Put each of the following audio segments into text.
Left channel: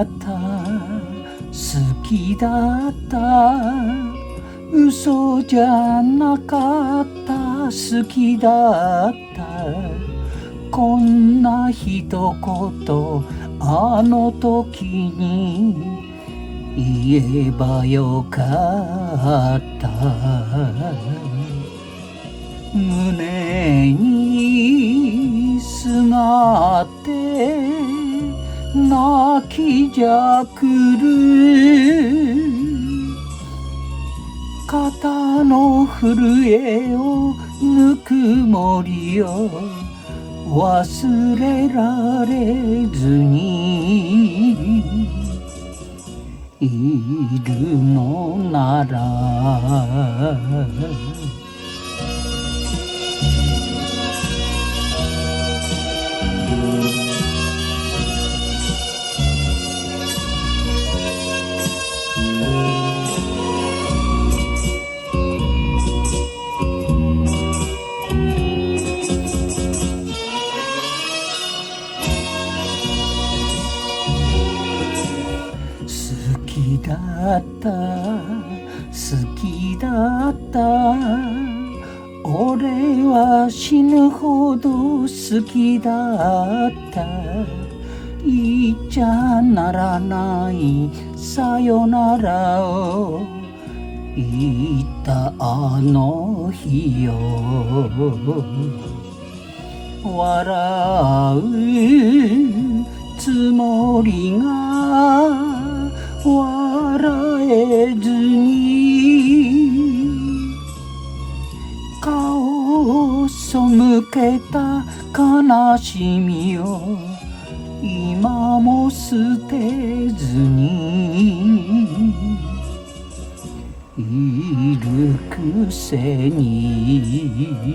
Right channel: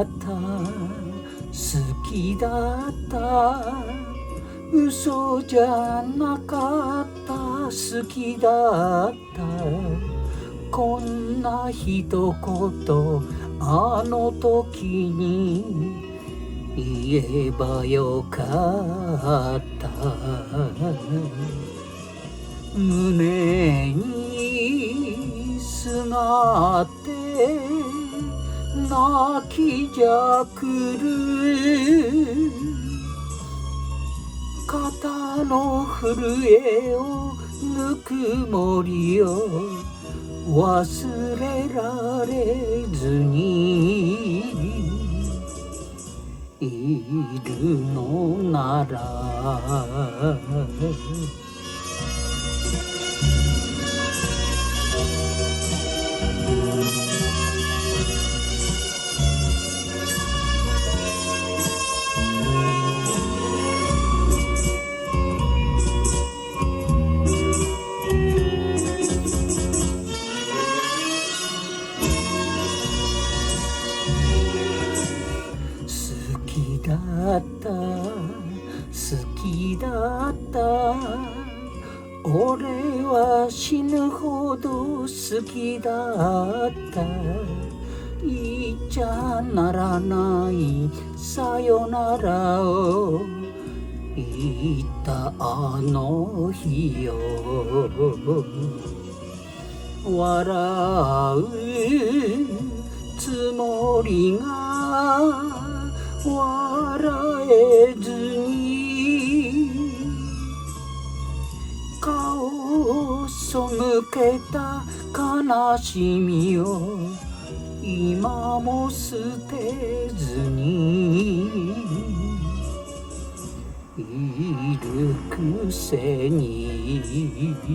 だった好きだった嘘じゃなかった好きだったこんな一言あの時に言えばよかった胸にすがって泣きじゃくる肩の震えをぬくもりを忘れられずにいるのなら好きだった好きだった俺は死ぬほど好きだった言っちゃならないさよならを言ったあの日よ笑うつもりが笑えずに顔を背けた悲しみを今も捨てずにいるくせに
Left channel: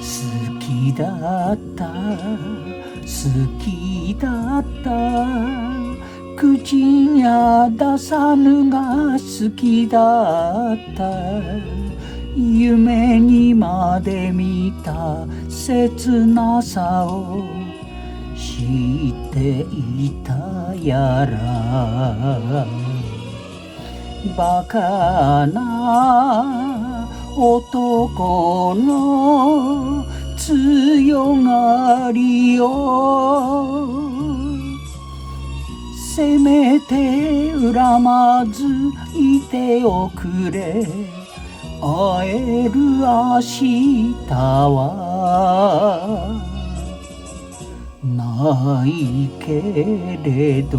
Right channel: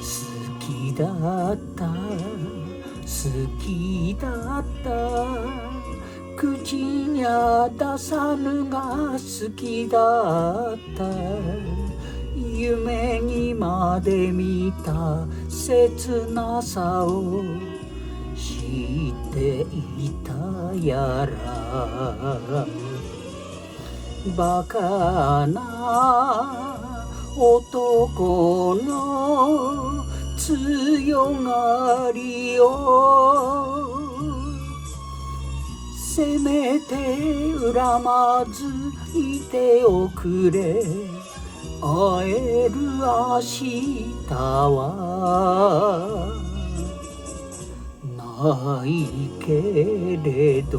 好きだった好きだった口には出さぬが好きだった夢にまで見た切なさを知っていたやらバカな男の強がりをせめて恨まずいておくれ会える明日はないけれど